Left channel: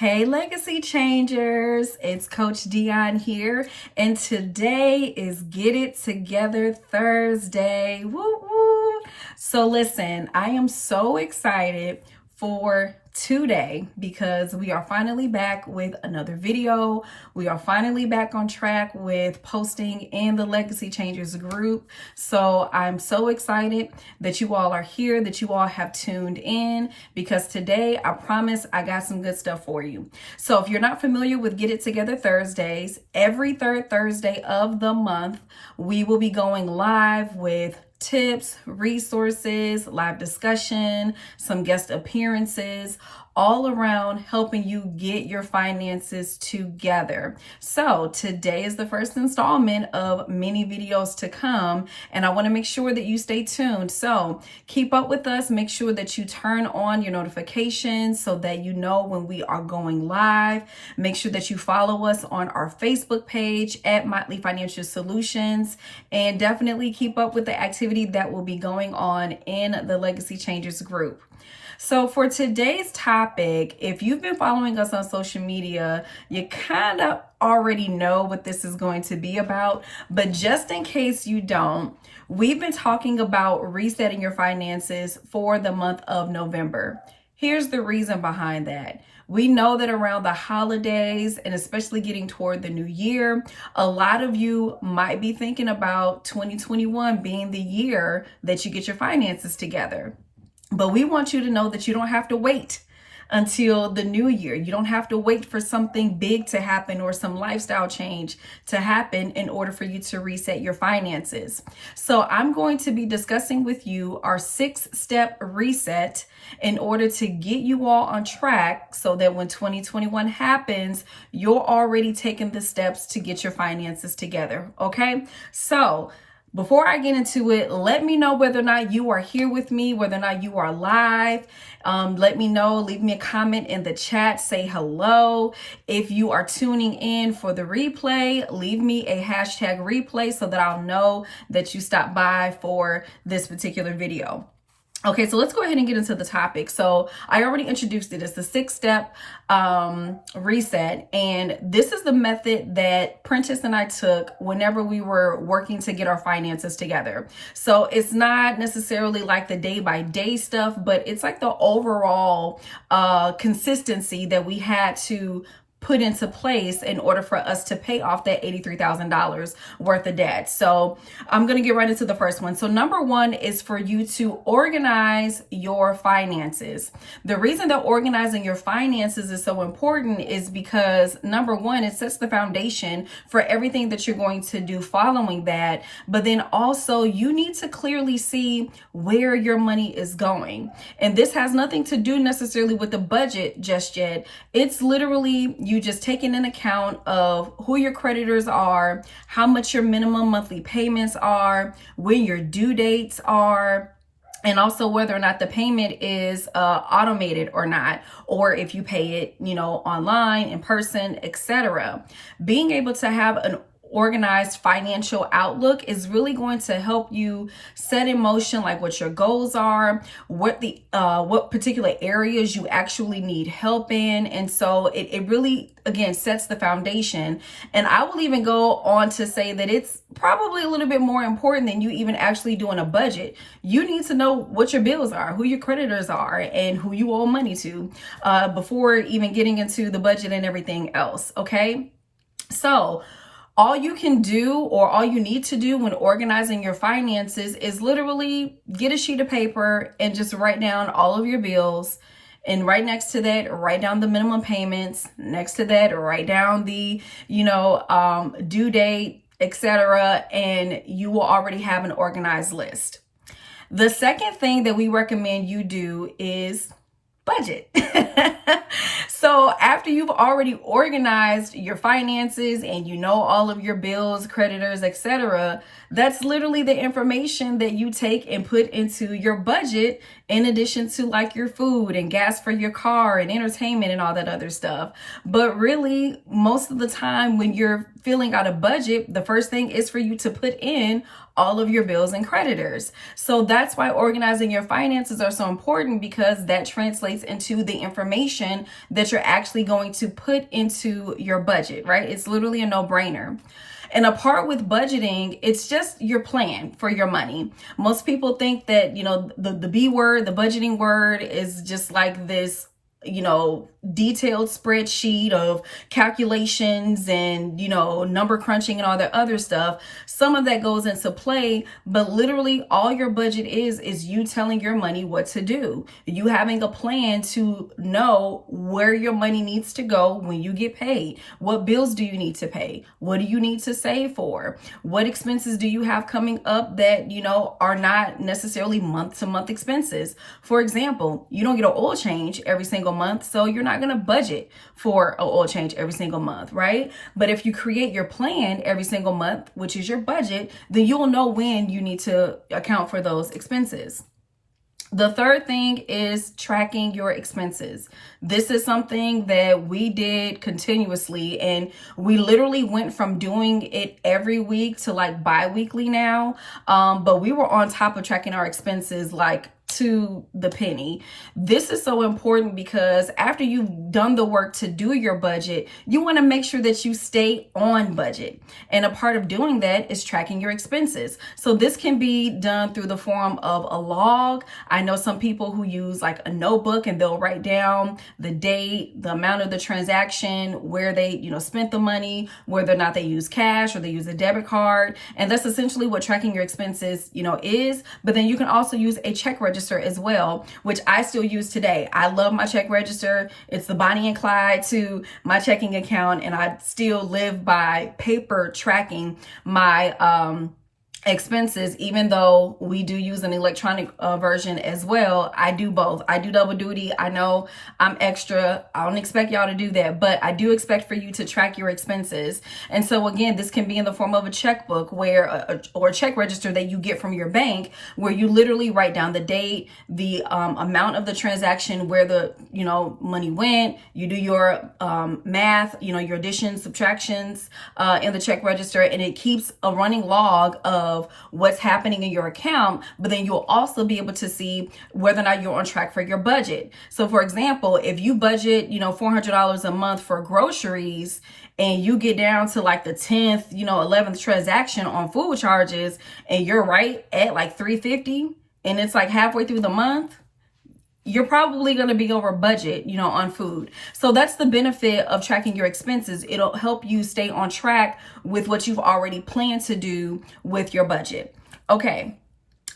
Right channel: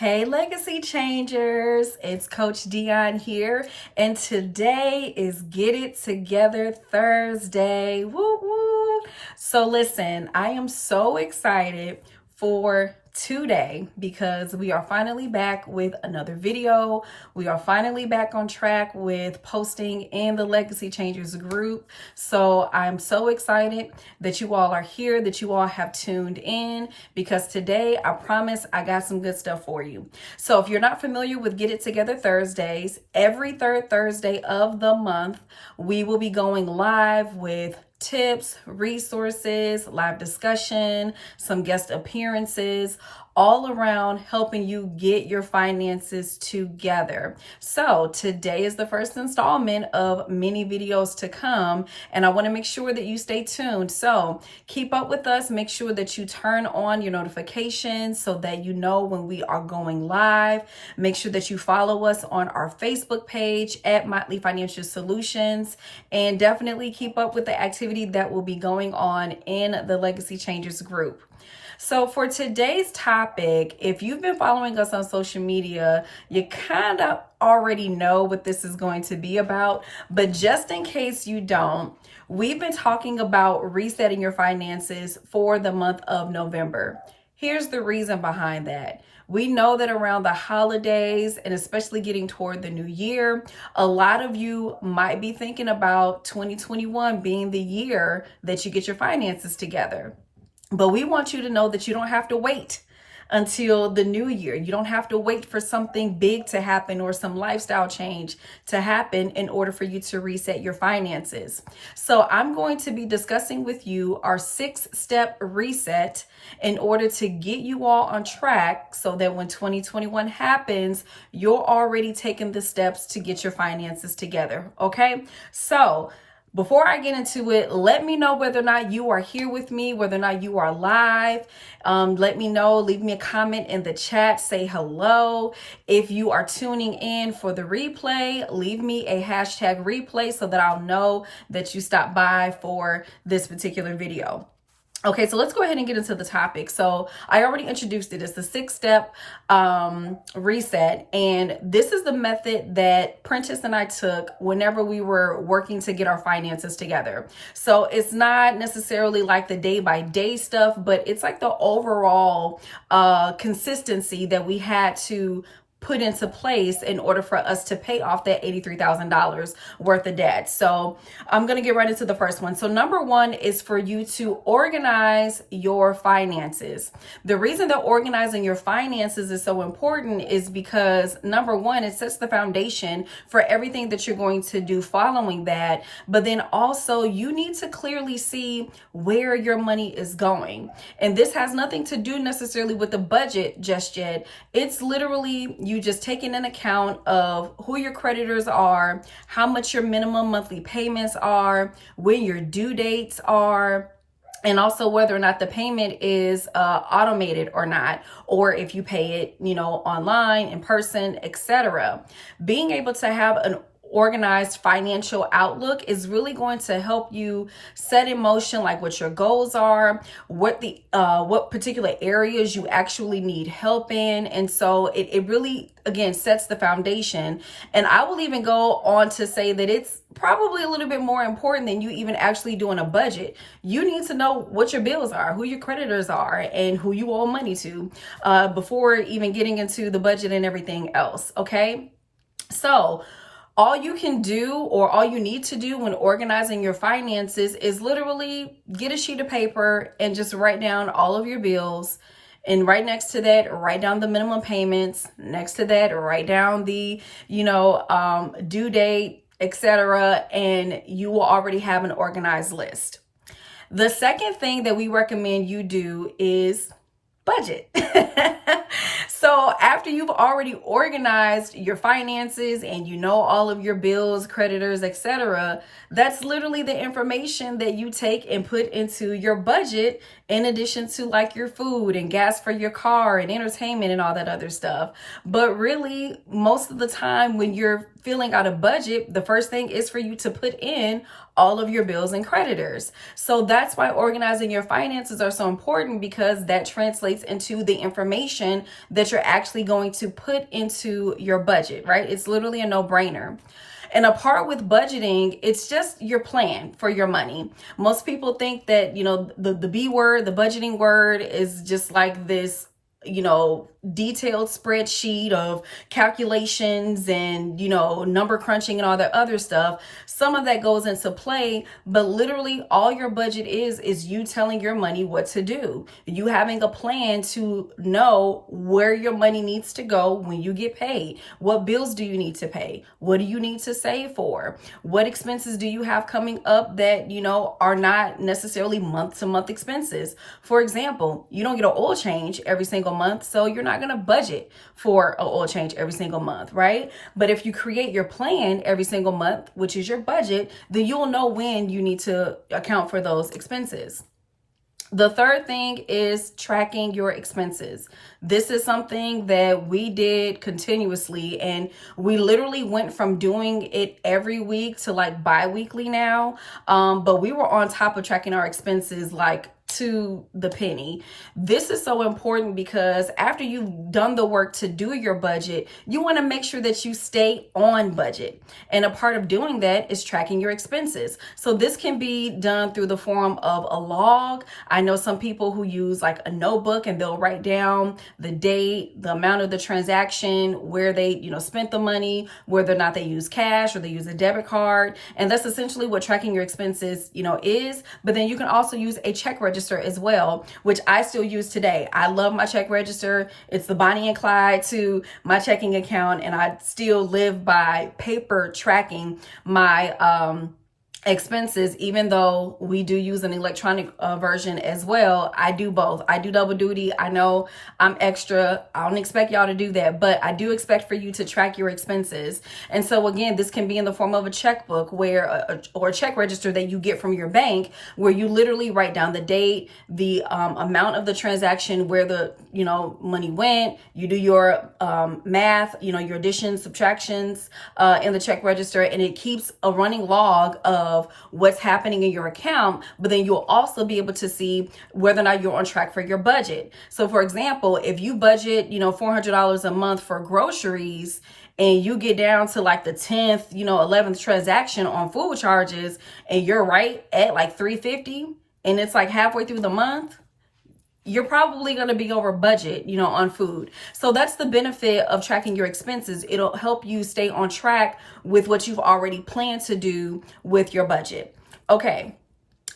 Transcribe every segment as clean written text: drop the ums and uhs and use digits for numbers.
Hey, Legacy Changers, it's Coach Dion here, and today is Get It Together Thursday. Woo woo! So listen, I am so excited for today because we are finally back with another video. We are finally back on track with posting in the Legacy Changers group. So I'm so excited that you all are here, that you all have tuned in, because today I promise I got some good stuff for you. So if you're not familiar with Get It Together Thursdays, every third Thursday of the month, we will be going live with tips, resources, live discussion, some guest appearances, all around helping you get your finances together. So today is the first installment of many videos to come, and I want to make sure that you stay tuned. So keep up with us. Make sure that you turn on your notifications so that you know when we are going live. Make sure that you follow us on our Facebook page at Motley Financial Solutions, and definitely keep up with the activity that will be going on in the Legacy Changers group. So for today's topic, if you've been following us on social media, you kind of already know what this is going to be about. But just in case you don't, we've been talking about resetting your finances for the month of November. Here's the reason behind that. We know that around the holidays, and especially getting toward the new year, a lot of you might be thinking about 2021 being the year that you get your finances together. But we want you to know that you don't have to wait until the new year. You don't have to wait for something big to happen or some lifestyle change to happen in order for you to reset your finances. So I'm going to be discussing with you our 6-step reset in order to get you all on track so that when 2021 happens, you're already taking the steps to get your finances together. Okay? So before I get into it, let me know whether or not you are here with me, whether or not you are live. Let me know, leave me a comment in the chat, say hello. If you are tuning in for the replay, leave me a hashtag replay so that I'll know that you stopped by for this particular video. Okay, so let's go ahead and get into the topic. So I already introduced it. It's the 6-step reset. And this is the method that Prentice and I took whenever we were working to get our finances together. So it's not necessarily like the day-by-day stuff, but it's like the overall consistency that we had to put into place in order for us to pay off that $83,000 worth of debt. So I'm going to get right into the first one. So number one is for you to organize your finances. The reason that organizing your finances is so important is because number one, it sets the foundation for everything that you're going to do following that. But then also you need to clearly see where your money is going. And this has nothing to do necessarily with the budget just yet. It's literally you just taking an account of who your creditors are, how much your minimum monthly payments are, when your due dates are, and also whether or not the payment is automated or not, or if you pay it, online, in person, etc. Being able to have an organized financial outlook is really going to help you set in motion like what your goals are, what particular areas you actually need help in. And so it really, again, sets the foundation. And I will even go on to say that it's probably a little bit more important than you even actually doing a budget. You need to know what your bills are, who your creditors are, and who you owe money to before even getting into the budget and everything else. Okay. So all you can do, or all you need to do when organizing your finances, is literally get a sheet of paper and just write down all of your bills. And right next to that, write down the minimum payments. Next to that, write down the, due date, etc. And you will already have an organized list. The second thing that we recommend you do is budget. So after you've already organized your finances and you know all of your bills, creditors, etc., that's literally the information that you take and put into your budget, in addition to like your food and gas for your car and entertainment and all that other stuff. But really, most of the time when you're filling out a budget, the first thing is for you to put in all of your bills and creditors. So that's why organizing your finances are so important, because that translates into the information that you're actually going to put into your budget, right? It's literally a no-brainer. And a part with budgeting, it's just your plan for your money. Most people think that, the B word, the budgeting word, is just like this, detailed spreadsheet of calculations and, number crunching and all that other stuff. Some of that goes into play, but literally all your budget is you telling your money what to do. You having a plan to know where your money needs to go when you get paid. What bills do you need to pay? What do you need to save for? What expenses do you have coming up that, are not necessarily month to month expenses? For example, you don't get an oil change every single month, so you're not going to budget for an oil change every single month, right? But if you create your plan every single month, which is your budget, then you'll know when you need to account for those expenses. The third thing is tracking your expenses. This is something that we did continuously, and we literally went from doing it every week to like bi-weekly now. But we were on top of tracking our expenses like to the penny. This is so important because after you've done the work to do your budget, you want to make sure that you stay on budget. And a part of doing that is tracking your expenses. So this can be done through the form of a log. I know some people who use like a notebook and they'll write down the date, the amount of the transaction, where they, spent the money, whether or not they use cash or they use a debit card. And that's essentially what tracking your expenses, is. But then you can also use a check register as well, which I still use today. I love my check register. It's the Bonnie and Clyde to my checking account, and I still live by paper tracking my expenses, even though we do use an electronic version as well. I do both. I do double duty. I know I'm extra. I don't expect y'all to do that, but I do expect for you to track your expenses. And so again, this can be in the form of a checkbook or a check register that you get from your bank, where you literally write down the date, the amount of the transaction, where the money went. You do your math, your additions, subtractions in the check register, and it keeps a running log of what's happening in your account. But then you'll also be able to see whether or not you're on track for your budget. So for example, if you budget, $400 a month for groceries, and you get down to like the 10th, 11th transaction on food charges, and you're right at like $350, and it's like halfway through the month, you're probably going to be over budget, on food. So that's the benefit of tracking your expenses. It'll help you stay on track with what you've already planned to do with your budget. Okay.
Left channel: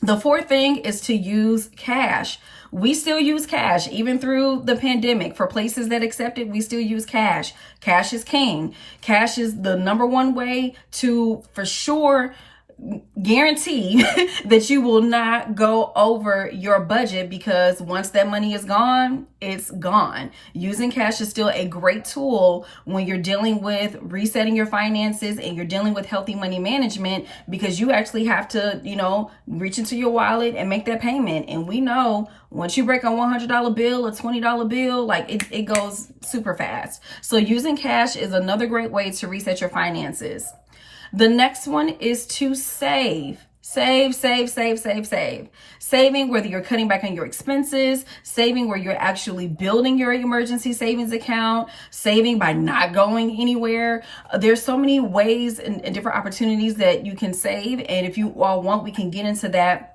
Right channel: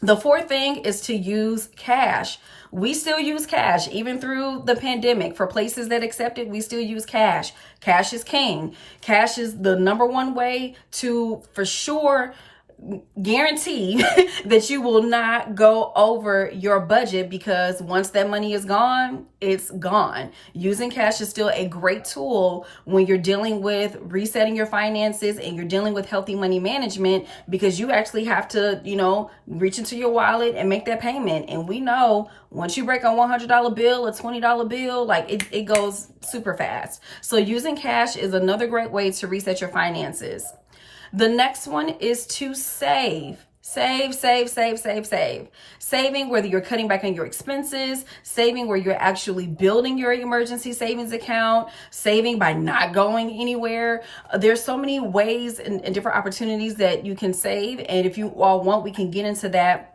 The fourth thing is to use cash. We still use cash, even through the pandemic. For places that accept it, we still use cash. Cash is king. Cash is the number one way to, for sure, guarantee that you will not go over your budget, because once that money is gone, it's gone. Using cash is still a great tool when you're dealing with resetting your finances and you're dealing with healthy money management, because you actually have to, reach into your wallet and make that payment. And we know once you break a $100 bill, a $20 bill, like it goes super fast. So using cash is another great way to reset your finances. The next one is to save. Saving, whether you're cutting back on your expenses, saving where you're actually building your emergency savings account, saving by not going anywhere. There's so many ways and different opportunities that you can save. And if you all want, we can get into that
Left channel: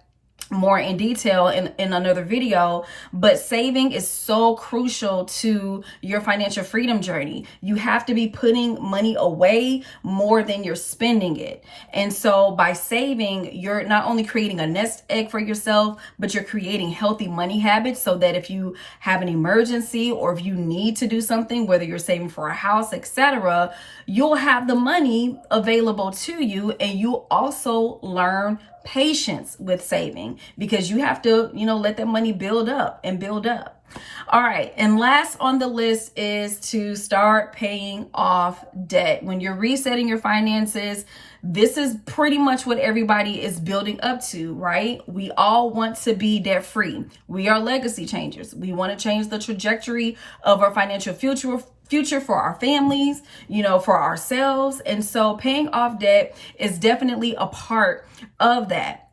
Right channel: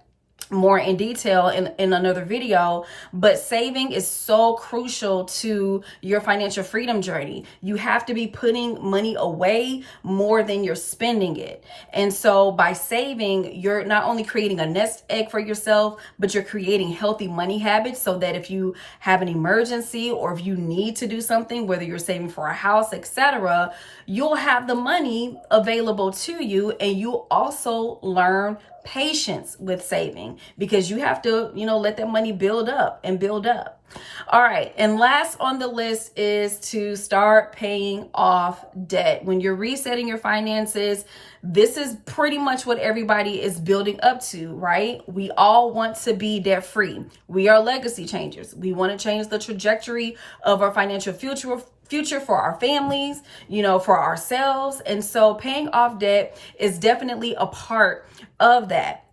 more in detail in another video. But saving is so crucial to your financial freedom journey. You have to be putting money away more than you're spending it. And so by saving, you're not only creating a nest egg for yourself, but you're creating healthy money habits, so that if you have an emergency or if you need to do something, whether you're saving for a house, etc., you'll have the money available to you. And you also learn patience with saving, because you have to, let that money build up and build up. All right. And last on the list is to start paying off debt. When you're resetting your finances, this is pretty much what everybody is building up to, right? We all want to be debt free. We are legacy changers. We want to change the trajectory of our financial future future for our families, for ourselves. And so paying off debt is definitely a part of that.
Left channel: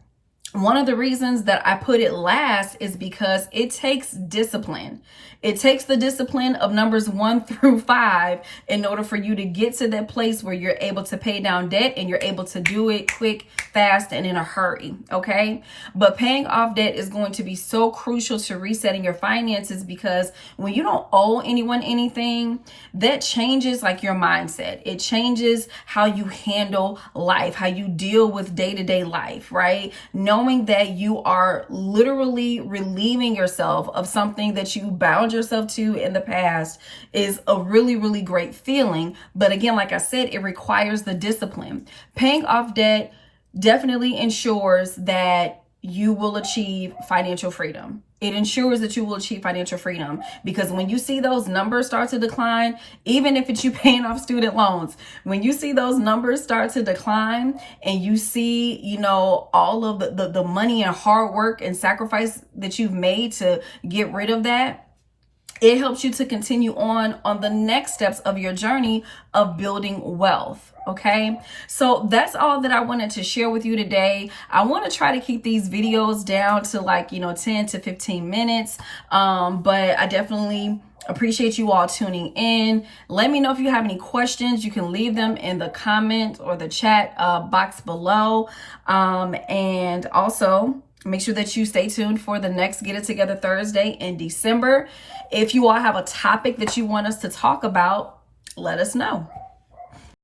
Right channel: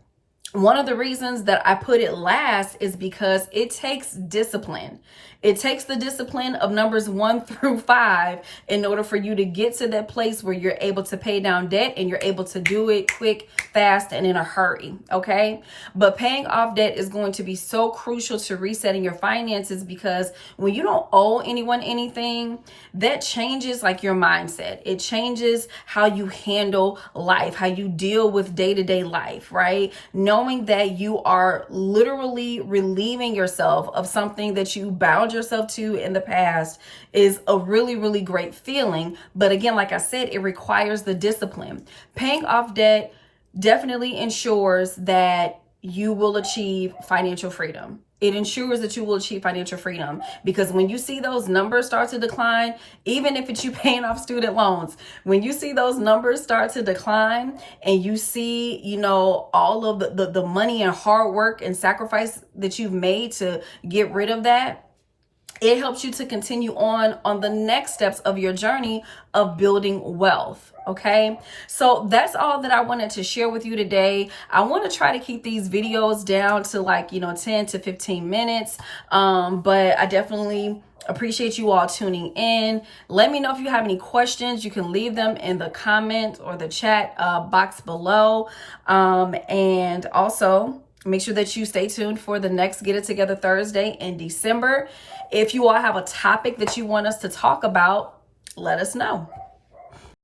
One of the reasons that I put it last is because it takes discipline. It takes the discipline of numbers 1 through 5 in order for you to get to that place where you're able to pay down debt, and you're able to do it quick, fast, and in a hurry. Okay. But paying off debt is going to be so crucial to resetting your finances, because when you don't owe anyone anything, that changes like your mindset. It changes how you handle life, how you deal with day-to-day life, right? Knowing that you are literally relieving yourself of something that you bound yourself to in the past is a really, really great feeling. But again, like I said, it requires the discipline. Paying off debt definitely ensures that you will achieve financial freedom. It ensures that you will achieve financial freedom, because when you see those numbers start to decline, even if it's you paying off student loans, when you see those numbers start to decline and you see, all of the money and hard work and sacrifice that you've made to get rid of that, it helps you to continue on the next steps of your journey of building wealth. Okay, so that's all that I wanted to share with you today. I want to try to keep these videos down to 10 to 15 minutes. But I definitely appreciate you all tuning in. Let me know if you have any questions. You can leave them in the comment or the chat box below. And also, make sure that you stay tuned for the next Get It Together Thursday in December. If you all have a topic that you want us to talk about, let us know.